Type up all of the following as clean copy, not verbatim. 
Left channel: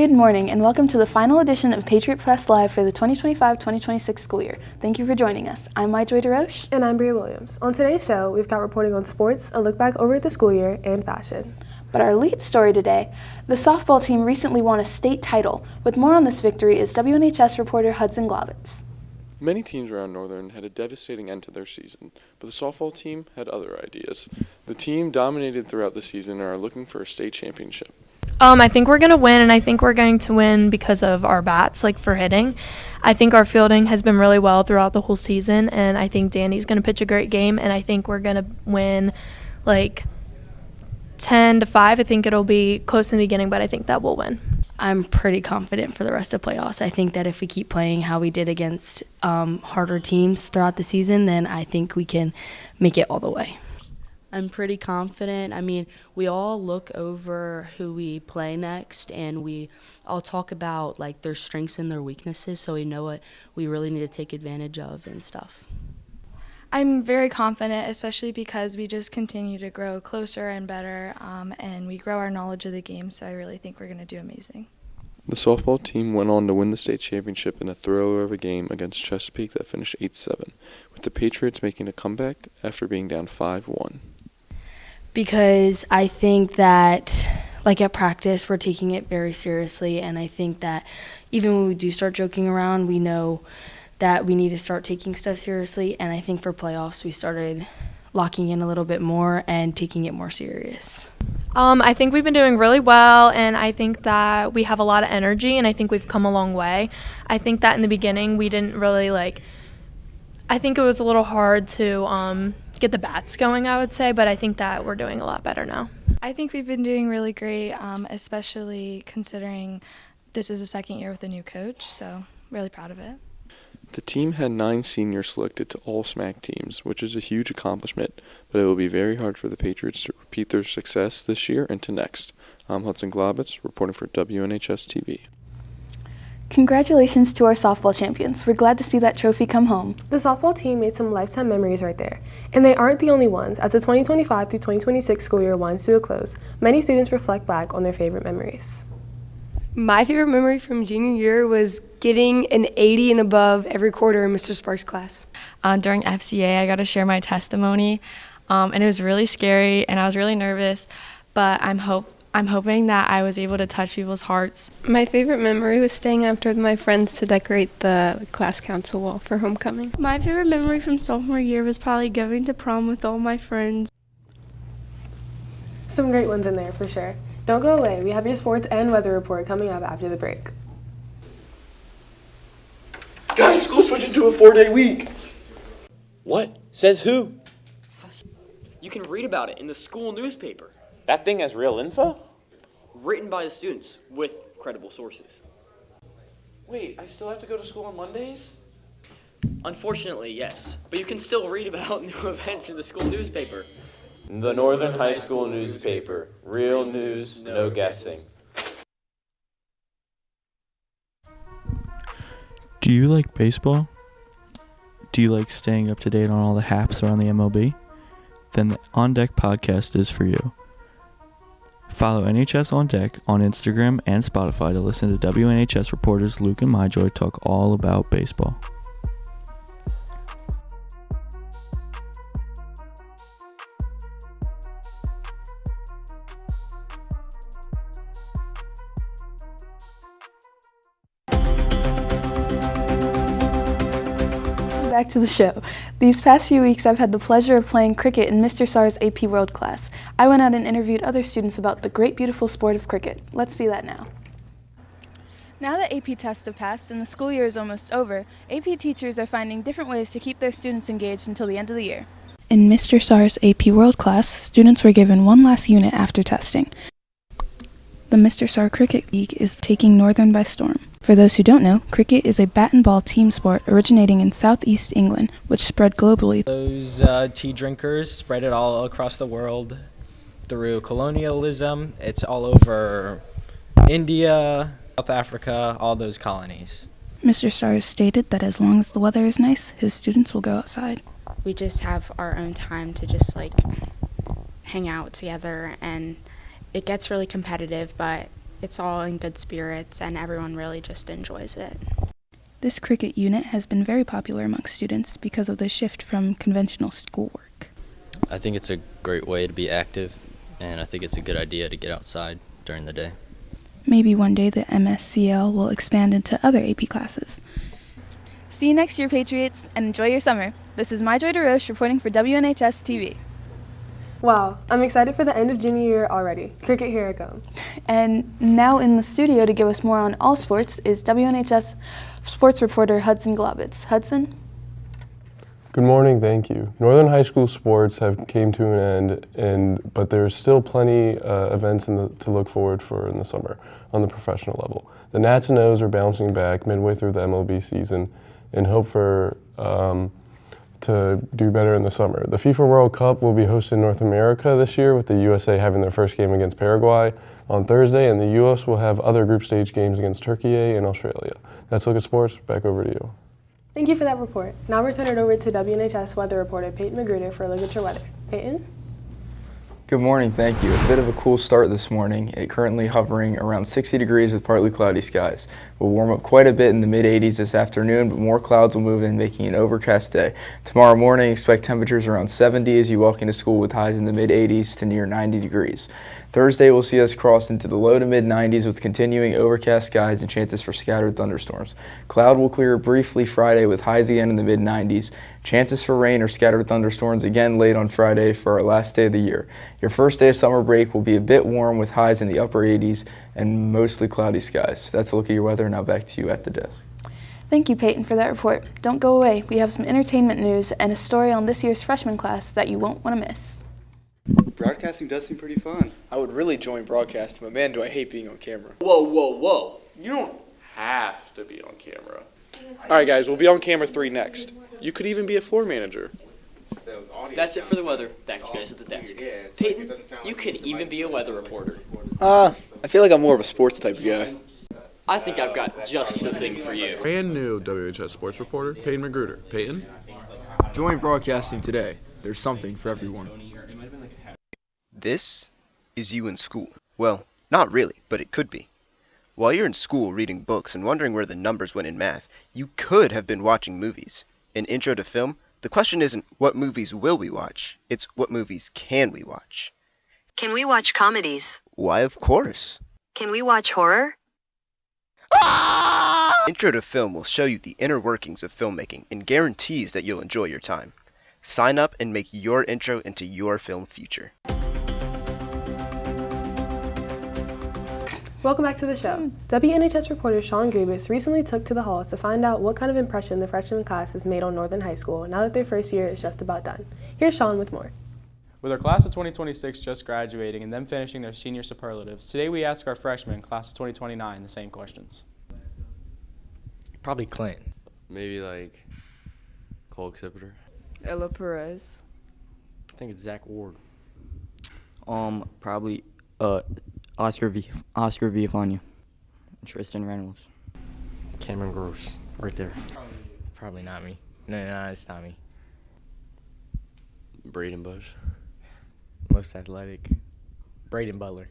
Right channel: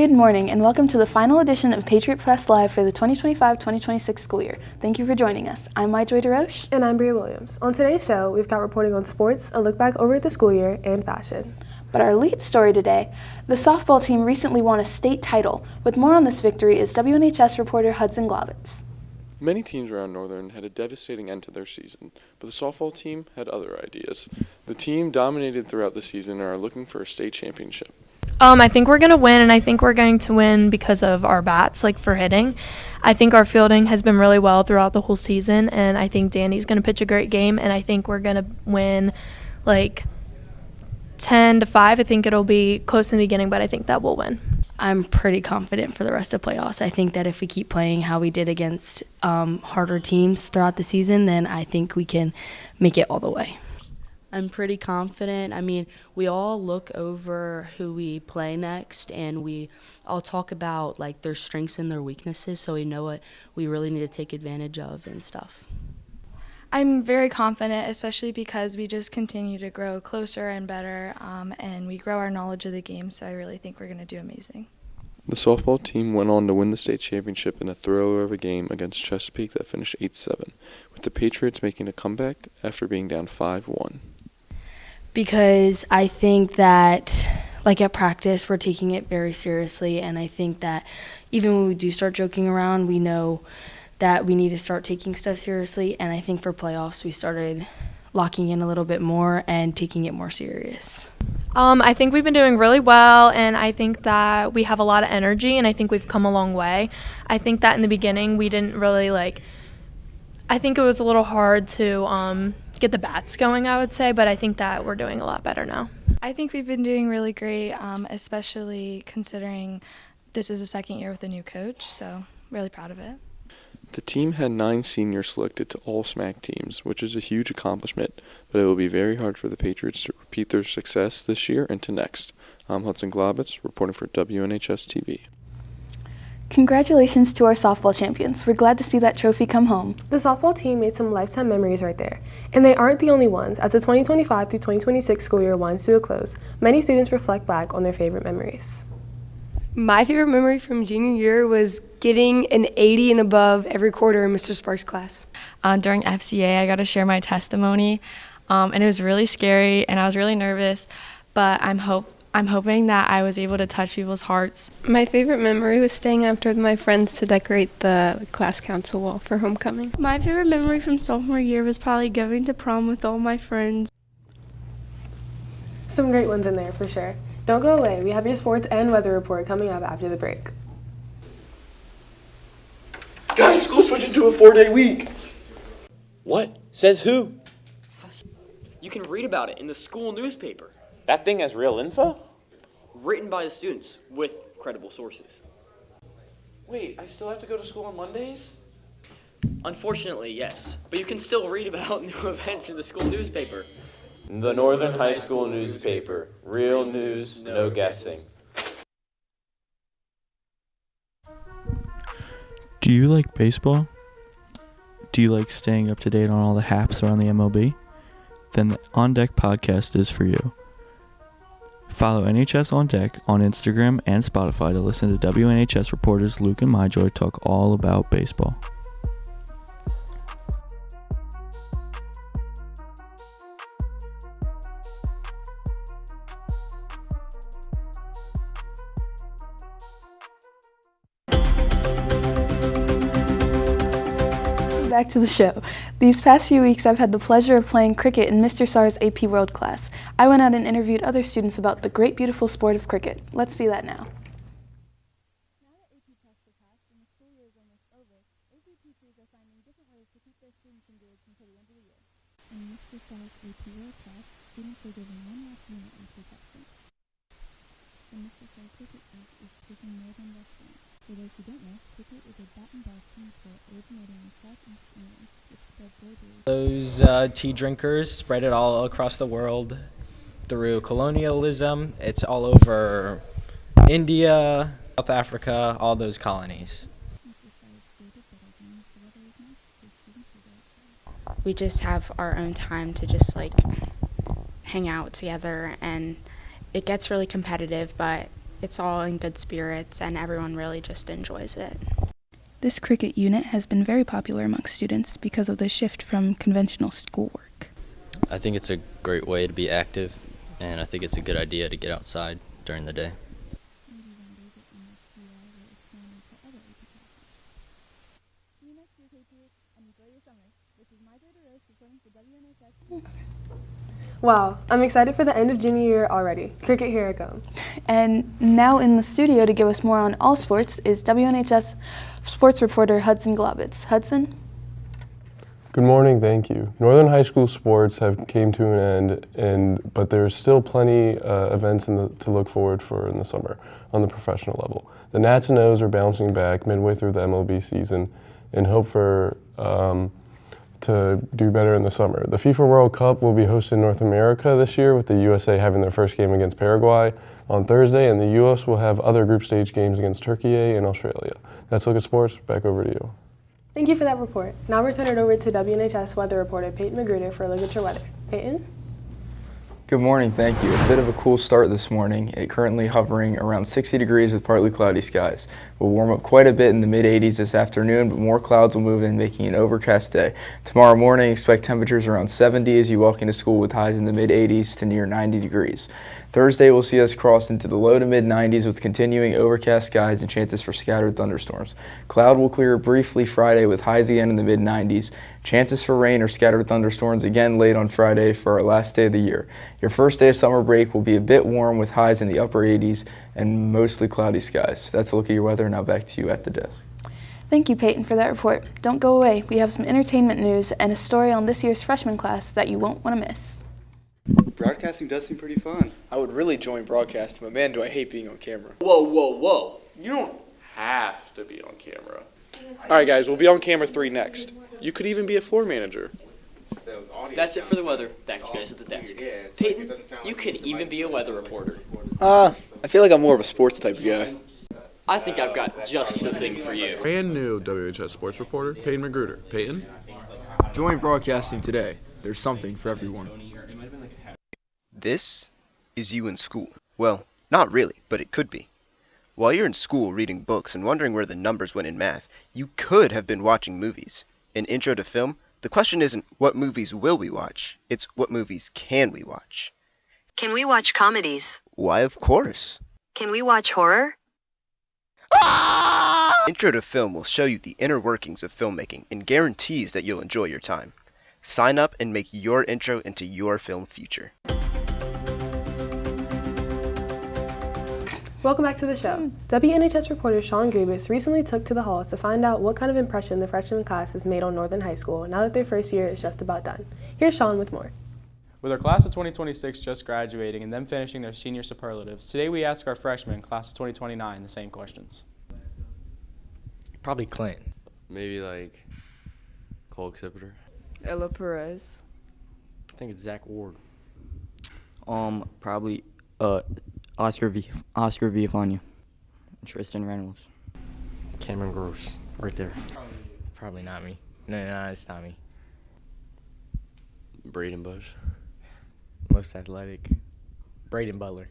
Good morning and welcome to the final edition of Patriot Press Live for the 2025-2026 school year. Thank you for joining us. I'm Joy DeRoche. And I'm Bria Williams. On today's show, we've got reporting on sports, a look back over the school year, and fashion. But our lead story today, the softball team recently won a state title. With more on this victory is WNHS reporter Hudson Glavitz. Many teams around Northern had a devastating end to their season, but the softball team had other ideas. The team dominated throughout the season and are looking for a state championship. I think we're going to win, and I think we're going to win because of our bats, like for hitting. I think our fielding has been really well throughout the whole season, and I think Danny's going to pitch a great game, and I think we're going to win like 10-5. I think it'll be close in the beginning, but I think that we'll win. I'm pretty confident for the rest of playoffs. I think that if we keep playing how we did against harder teams throughout the season, then I think we can make it all the way. I'm pretty confident. I mean, we all look over who we play next, and we all talk about like their strengths and their weaknesses, so we know what we really need to take advantage of and stuff. I'm very confident, especially because we just continue to grow closer and better, and we grow our knowledge of the game, so I really think we're going to do amazing. The softball team went on to win the state championship in a thriller of a game against Chesapeake that finished 8-7, with the Patriots making a comeback after being down 5-1. Because I think that, like at practice, we're taking it very seriously, and I think that even when we do start joking around, we know that we need to start taking stuff seriously, and I think for playoffs we started locking in a little bit more and taking it more serious. I think we've been doing really well, and I think that we have a lot of energy, and I think we've come a long way. I think that in the beginning we didn't really I think it was a little hard to get the bats going, I would say, but I think that we're doing a lot better now. I think we've been doing really great, especially considering this is the second year with a new coach, so really proud of it. The team had 9 seniors selected to all SMAC teams, which is a huge accomplishment, but it will be very hard for the Patriots to repeat their success this year and to next. I'm Hudson Glavitz, reporting for WNHS TV. Congratulations to our softball champions. We're glad to see that trophy come home. The softball team made some lifetime memories right there. And they aren't the only ones. As the 2025 through 2026 school year winds to a close, many students reflect back on their favorite memories. My favorite memory from junior year was getting an 80 and above every quarter in Mr. Sparks' class. During FCA, I got to share my testimony, and it was really scary, and I was really nervous, but I'm hoping that I was able to touch people's hearts. My favorite memory was staying after with my friends to decorate the class council wall for homecoming. My favorite memory from sophomore year was probably going to prom with all my friends. Some great ones in there for sure. Don't go away. We have your sports and weather report coming up after the break. Guys, school's switching to a 4-day week. What? Says who? You can read about it in the school newspaper. That thing has real info? Written by the students with credible sources. Wait, I still have to go to school on Mondays? Unfortunately, yes. But you can still read about new events in the school newspaper. The Northern High School newspaper. Real news, no guessing. Do you like baseball? Do you like staying up to date on all the haps around the MLB? Then the On Deck podcast is for you. Follow NHS On Deck on Instagram and Spotify to listen to WNHS reporters Luke and MyJoy talk all about baseball. Back to the show. These past few weeks I've had the pleasure of playing cricket in Mr. Sar's AP World class. I went out and interviewed other students about the great beautiful sport of cricket. Let's see that now. Now that AP tests have passed and the school year is almost over, AP teachers are finding different ways to keep their students engaged until the end of the year. In Mr. Sar's AP World class, students were given one last unit after testing. The Mr. Sar Cricket League is taking Northern by storm. For those who don't know, cricket is a bat and ball team sport originating in southeast England, which spread globally. Those tea drinkers spread it all across the world through colonialism. It's all over India, South Africa, all those colonies. Mr. Sar has stated that as long as the weather is nice, his students will go outside. We just have our own time to just hang out together, and it gets really competitive, but it's all in good spirits and everyone really just enjoys it. This cricket unit has been very popular amongst students because of the shift from conventional schoolwork. I think it's a great way to be active, and I think it's a good idea to get outside during the day. Maybe one day the MSCL will expand into other AP classes. See you next year, Patriots, and enjoy your summer. This is Myjoy DeRoche reporting for WNHS TV. Wow, I'm excited for the end of junior year already. Cricket, here I come. And now in the studio to give us more on all sports is WNHS sports reporter Hudson Globitz. Hudson? Good morning, thank you. Northern high school sports have came to an end, but there's still plenty events to look forward for in the summer on the professional level. The Nats and O's are bouncing back midway through the MLB season and hope for to do better in the summer. The FIFA World Cup will be hosted in North America this year, with the USA having their first game against Paraguay on Thursday, and the US will have other group stage games against Turkey and Australia. That's Look at Sports. Back over to you. Thank you for that report. Now we'll turn it over to WNHS weather reporter Peyton Magruder for a look at your weather. Peyton? Good morning, thank you. A bit of a cool start this morning. It currently hovering around 60 degrees with partly cloudy skies. We'll warm up quite a bit in the mid-80s this afternoon, but more clouds will move in, making an overcast day. Tomorrow morning, expect temperatures around 70 as you walk into school with highs in the mid-80s to near 90 degrees. Thursday will see us cross into the low to mid-90s with continuing overcast skies and chances for scattered thunderstorms. Cloud will clear briefly Friday with highs again in the mid-90s. Chances for rain or scattered thunderstorms again late on Friday for our last day of the year. Your first day of summer break will be a bit warm with highs in the upper 80s and mostly cloudy skies. That's a look at your weather. Now back to you at the desk. Thank you, Peyton, for that report. Don't go away. We have some entertainment news and a story on this year's freshman class that you won't want to miss. Broadcasting does seem pretty fun. I would really join broadcasting, but man, do I hate being on camera. Whoa, whoa, whoa. You don't have to be on camera. All right, guys, we'll be on camera 3 next. You could even be a floor manager. That's it for the weather. Back to you guys at the desk. Peyton, you could even be a weather reporter. I feel like I'm more of a sports type of guy. I think I've got just the thing for you. Brand new WHS sports reporter, Peyton Magruder. Peyton? Join broadcasting today. There's something for everyone. This is you in school. Well, not really, but it could be. While you're in school reading books and wondering where the numbers went in math, you could have been watching movies. In Intro to Film, the question isn't what movies will we watch, it's what movies can we watch. Can we watch comedies? Why, of course. Can we watch horror? Intro to Film will show you the inner workings of filmmaking and guarantees that you'll enjoy your time. Sign up and make your intro into your film future. Welcome back to the show. WNHS reporter Sean Grabus recently took to the halls to find out what kind of impression the freshman class has made on Northern High School now that their first year is just about done. Here's Sean with more. With our class of 2026 just graduating and them finishing their senior superlatives, today we ask our freshmen, class of 2029, the same questions. Probably Clint. Maybe like Cole Exhibitor. Ella Perez. I think it's Zach Ward. Probably Oscar Villafania. Tristan Reynolds. Cameron Gross, right there. Probably not me. No, it's not me. Braden Bush. Most athletic. Braden Butler.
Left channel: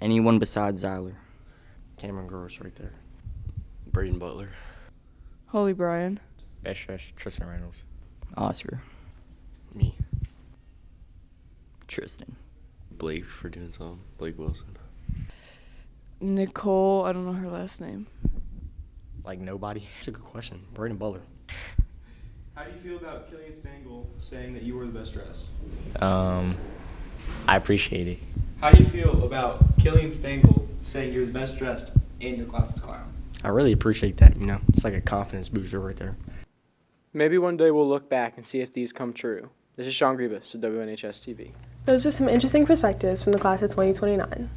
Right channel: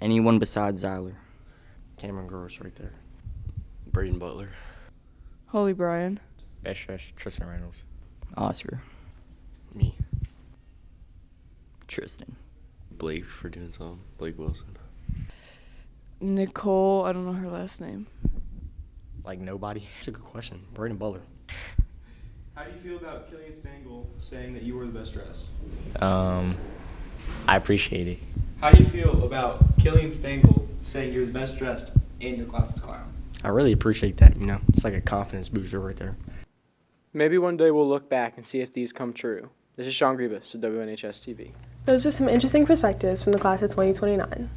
Anyone besides Zyler. Cameron Gross, right there. Braden Butler. Holy Brian. Best dressed, Tristan Reynolds. Oscar. Me. Tristan. Blake for doing something. Blake Wilson. Nicole, I don't know her last name. Like nobody? That's a good question. Braden Butler. How do you feel about Killian Stengel saying that you were the best dressed? I appreciate it. How do you feel about Killian Stengel saying you're the best dressed and your class's clown? I really appreciate that, you know. It's like a confidence booster right there. Maybe one day we'll look back and see if these come true. This is Sean Gribus of WNHS TV. Those are some interesting perspectives from the class of 2029.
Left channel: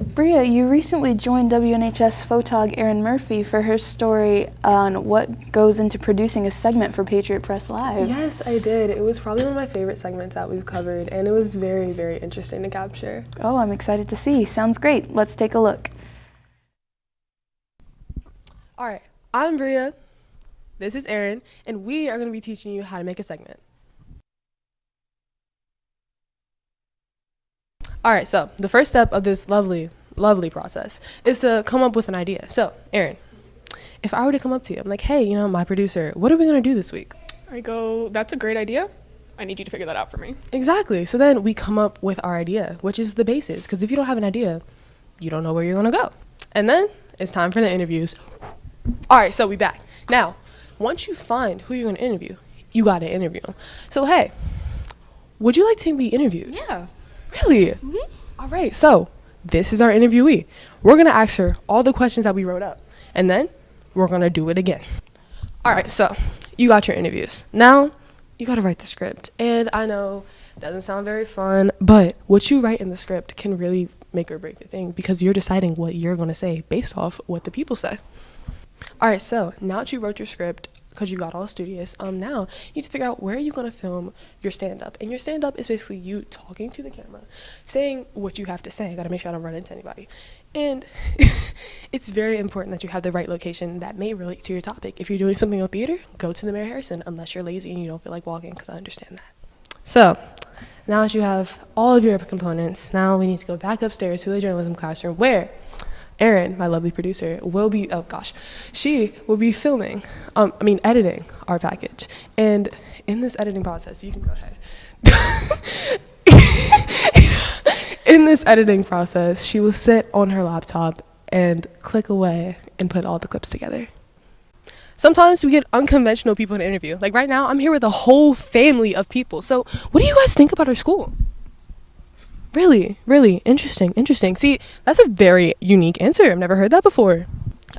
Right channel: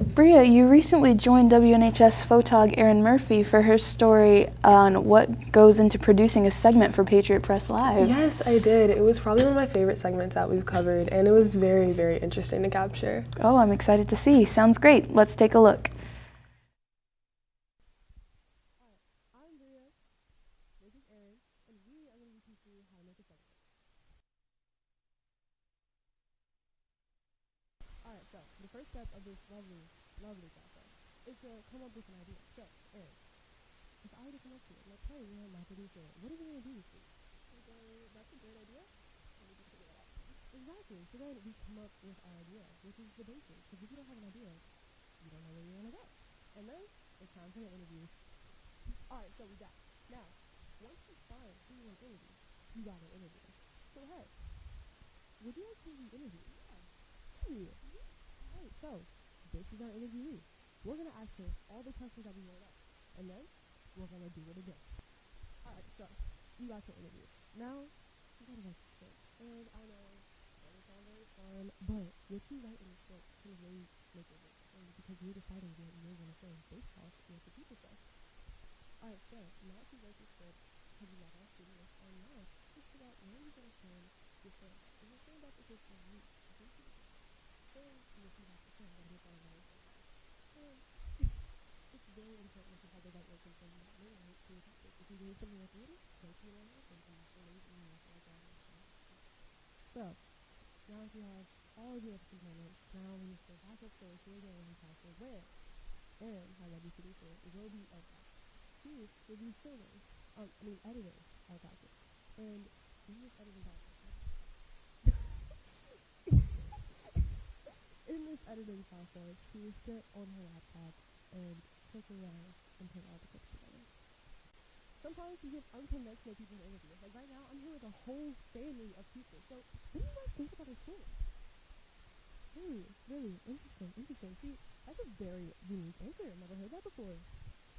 Bria, you recently joined WNHS photog Erin Murphy for her story on what goes into producing a segment for Patriot Press Live. Yes, I did. It was probably one of my favorite segments that we've covered, and it was very, very interesting to capture. Oh, I'm excited to see. Sounds great. Let's take a look. All right, I'm Bria. This is Erin, and we are going to be teaching you how to make a segment. All right, so the first step of this lovely process is to come up with an idea. So, Erin, if I were to come up to you, I'm like, hey, my producer, what are we going to do this week? I go, that's a great idea. I need you to figure that out for me. Exactly. So then we come up with our idea, which is the basis. Because if you don't have an idea, you don't know where you're going to go. And then it's time for the interviews. All right, so we back. Now, once you find who you're going to interview, you got to interview them. So, hey, would you like to be interviewed? Yeah. Really? Mm-hmm. All right, so this is our interviewee. We're going to ask her all the questions that we wrote up. And then we're going to do it again. All right, so you got your interviews. Now, you got to write the script. And I know it doesn't sound very fun, but what you write in the script can really make or break the thing because you're deciding what you're going to say based off what the people say. All right, so now that you wrote your script, because you got all studious, now you need to figure out where you're going to film your stand-up. And your stand-up is basically you talking to the camera, saying what you have to say. Got to make sure I don't run into anybody. And it's very important that you have the right location that may relate to your topic. If you're doing something on theater, go to the Mary Harrison, unless you're lazy and you don't feel like walking, because I understand that. So now that you have all of your components, now we need to go back upstairs to the journalism classroom where Erin, my lovely producer, she will be editing our package. And in this editing process, you can go ahead. In this editing process, she will sit on her laptop and click away and put all the clips together. Sometimes we get unconventional people to interview. Like right now, I'm here with a whole family of people. So what do you guys think about our school? Really, really interesting. See, that's a very unique answer. I've never heard that before.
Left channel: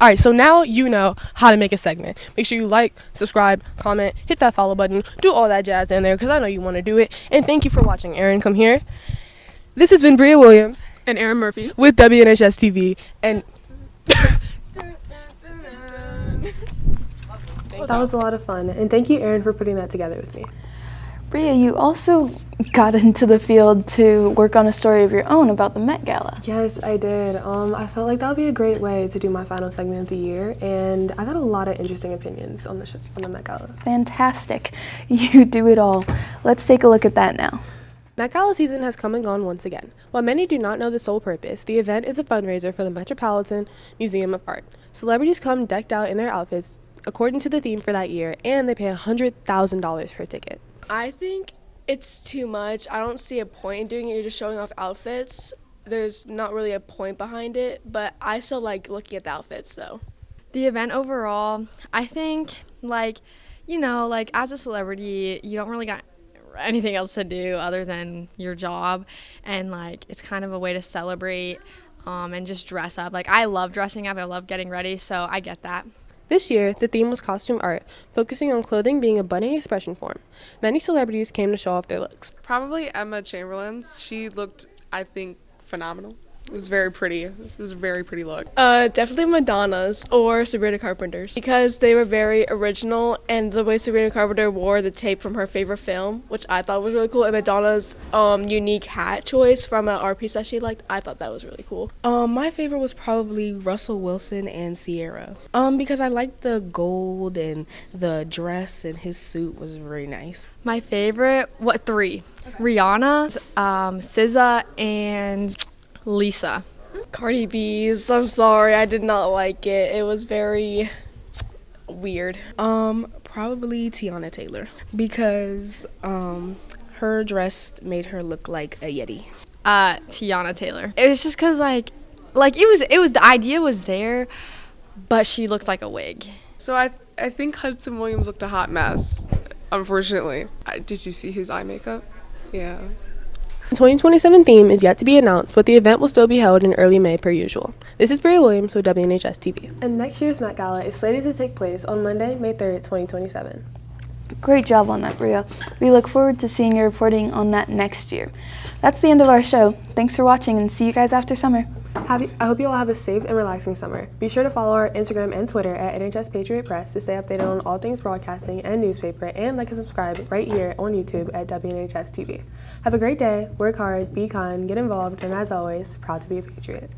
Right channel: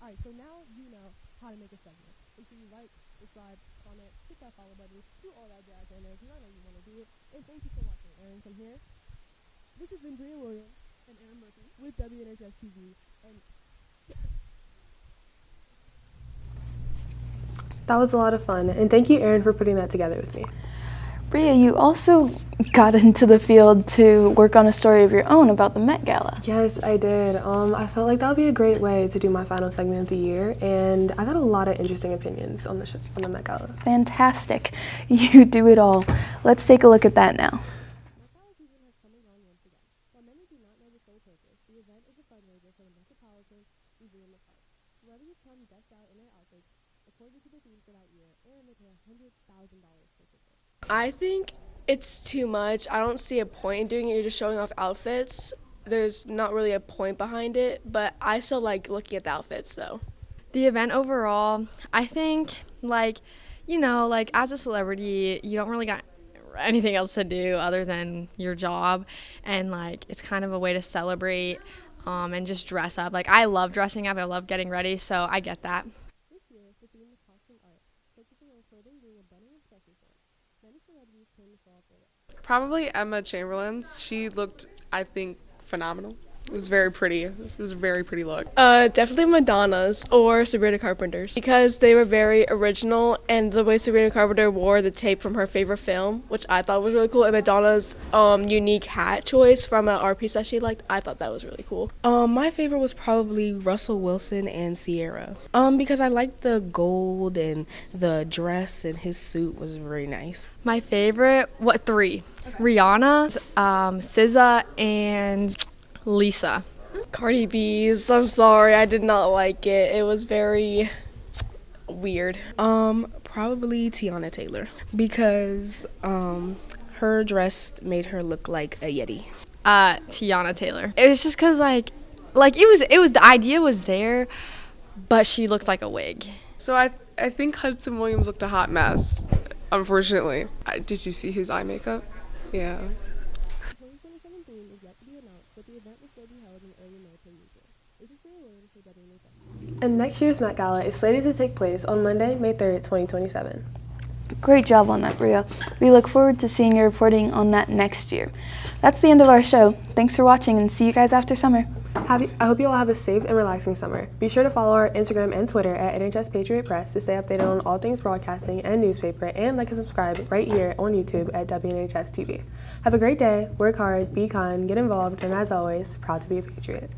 All right, so now you know how to make a segment. Make sure you like, subscribe, comment, hit that follow button, do all that jazz in there because I know you want to do it. And thank you for watching. Erin, come here. This has been Bria Williams and Erin Murphy with WNHS TV. And that was a lot of fun. And thank you, Erin, for putting that together with me. Bria, you also got into the field to work on a story of your own about the Met Gala. Yes, I did. I felt like that would be a great way to do my final segment of the year, and I got a lot of interesting opinions on the Met Gala. Fantastic. You do it all. Let's take a look at that now. Met Gala season has come and gone once again. While many do not know the sole purpose, the event is a fundraiser for the Metropolitan Museum of Art. Celebrities come decked out in their outfits according to the theme for that year, and they pay $100,000 per ticket. I think it's too much. I don't see a point in doing it. You're just showing off outfits. There's not really a point behind it, but I still like looking at the outfits, though. The event overall, I think, as a celebrity, you don't really got anything else to do other than your job, and, it's kind of a way to celebrate and just dress up. I love dressing up. I love getting ready, so I get that. This year, the theme was costume art, focusing on clothing being a budding expression form. Many celebrities came to show off their looks. Probably Emma Chamberlain's. She looked, I think, phenomenal. It was very pretty. It was a very pretty look. Definitely Madonna's or Sabrina Carpenter's because they were very original, and the way Sabrina Carpenter wore the tape from her favorite film, which I thought was really cool, and Madonna's unique hat choice from an art piece that she liked, I thought that was really cool. My favorite was probably Russell Wilson and Sierra because I liked the gold and the dress, and his suit was very nice. My favorite, three? Rihanna, SZA, and Lisa. Cardi B's. I'm sorry, I did not like it. It was very weird. Probably Tiana Taylor because her dress made her look like a Yeti. Tiana Taylor. It was just because it was the idea was there, but she looked like a wig. So I think Hudson Williams looked a hot mess. Unfortunately, did you see his eye makeup? Yeah. The 2027 theme is yet to be announced, but the event will still be held in early May per usual. This is Bria Williams with WNHS TV. And next year's Met Gala is slated to take place on Monday, May 3rd, 2027. Great job on that, Bria. We look forward to seeing your reporting on that next year. That's the end of our show. Thanks for watching and see you guys after summer. I hope you all have a safe and relaxing summer. Be sure to follow our Instagram and Twitter at NHS Patriot Press to stay updated on all things broadcasting and newspaper, and like and subscribe right here on YouTube at WNHS TV. Have a great day, work hard, be kind, get involved, and as always, proud to be a Patriot.